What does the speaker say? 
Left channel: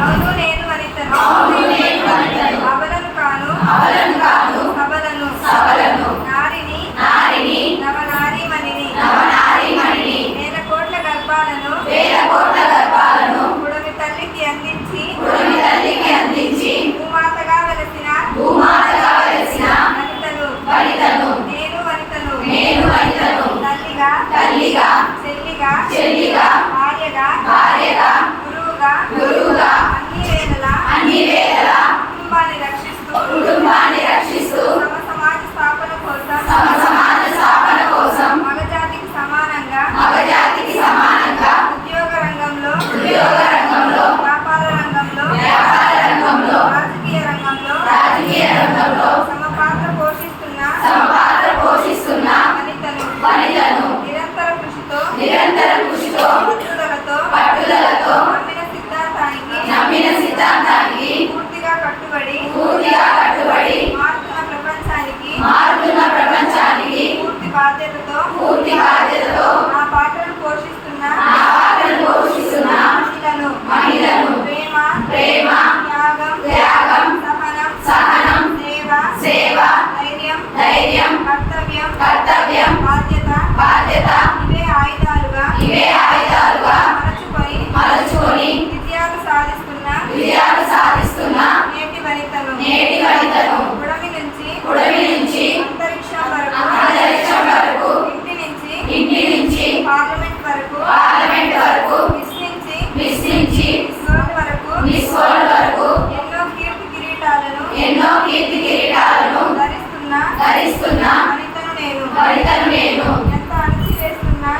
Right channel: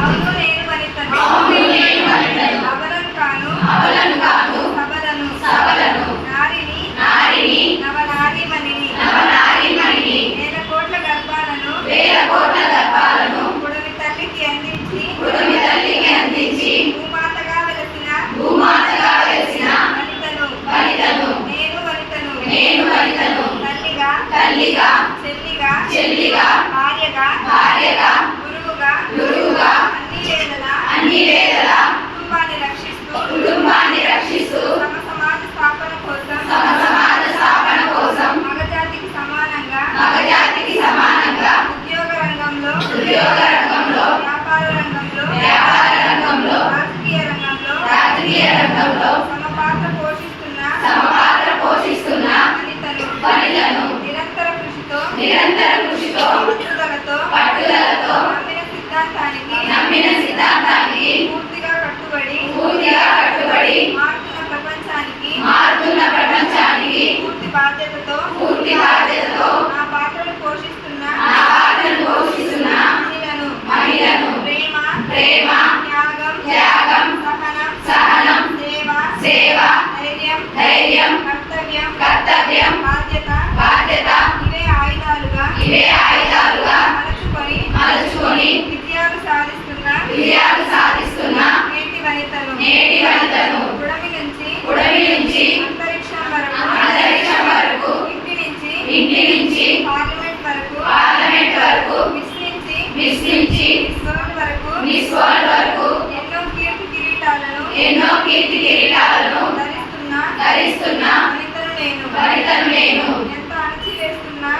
అవును నేను వనితను అబలను కాను సబలను నారిని నవనారీమణిని వేల కోట్ల గర్భాలను పుడమి తల్లికి అందించి భూమాతగా వెలసిన వనితను నేను వనితను తల్లిగా చెల్లిగా భార్యగా గురువుగా అన్ని వేళలా కుటుంబాన్ని రక్షిస్తూ సమ సమాజ స్థాపన కోసం మగజాతికి సమానంగా ఉద్యోగ రంగంలో వ్యాపార రంగంలో రాజకీయ రంగంలో సమ పాత్ర పోషిస్తున్న వనితను నిరంతర కృషితో పట్టుదలతో నమ్మిన సిద్ధాంతానికి పూర్తిగా కట్టుబడి మారుతున్న ప్రపంచానికి పూర్తి బాధ్యతతో నా పాత్రను పోషిస్తున్న మహిళను ప్రేమ త్యాగం సహనం సేవ ధైర్యం కర్తవ్యం బాధ్యత ఇవే ఆయుధాలుగా మలచుకొని విజయాలు సాధిస్తున్న నేటి వనితను పుడమి నుంచి అంతరిక్షం వరకు ఇంటి నుంచి పార్లమెంట్ వరకు మిస్ నుంచి మిస్ వరల్డ్ వరకు ఎన్నో కీర్తి కిరీటాలను ధరిస్తున్న వనితను నేను ఎంత అణచివేస్తున్నా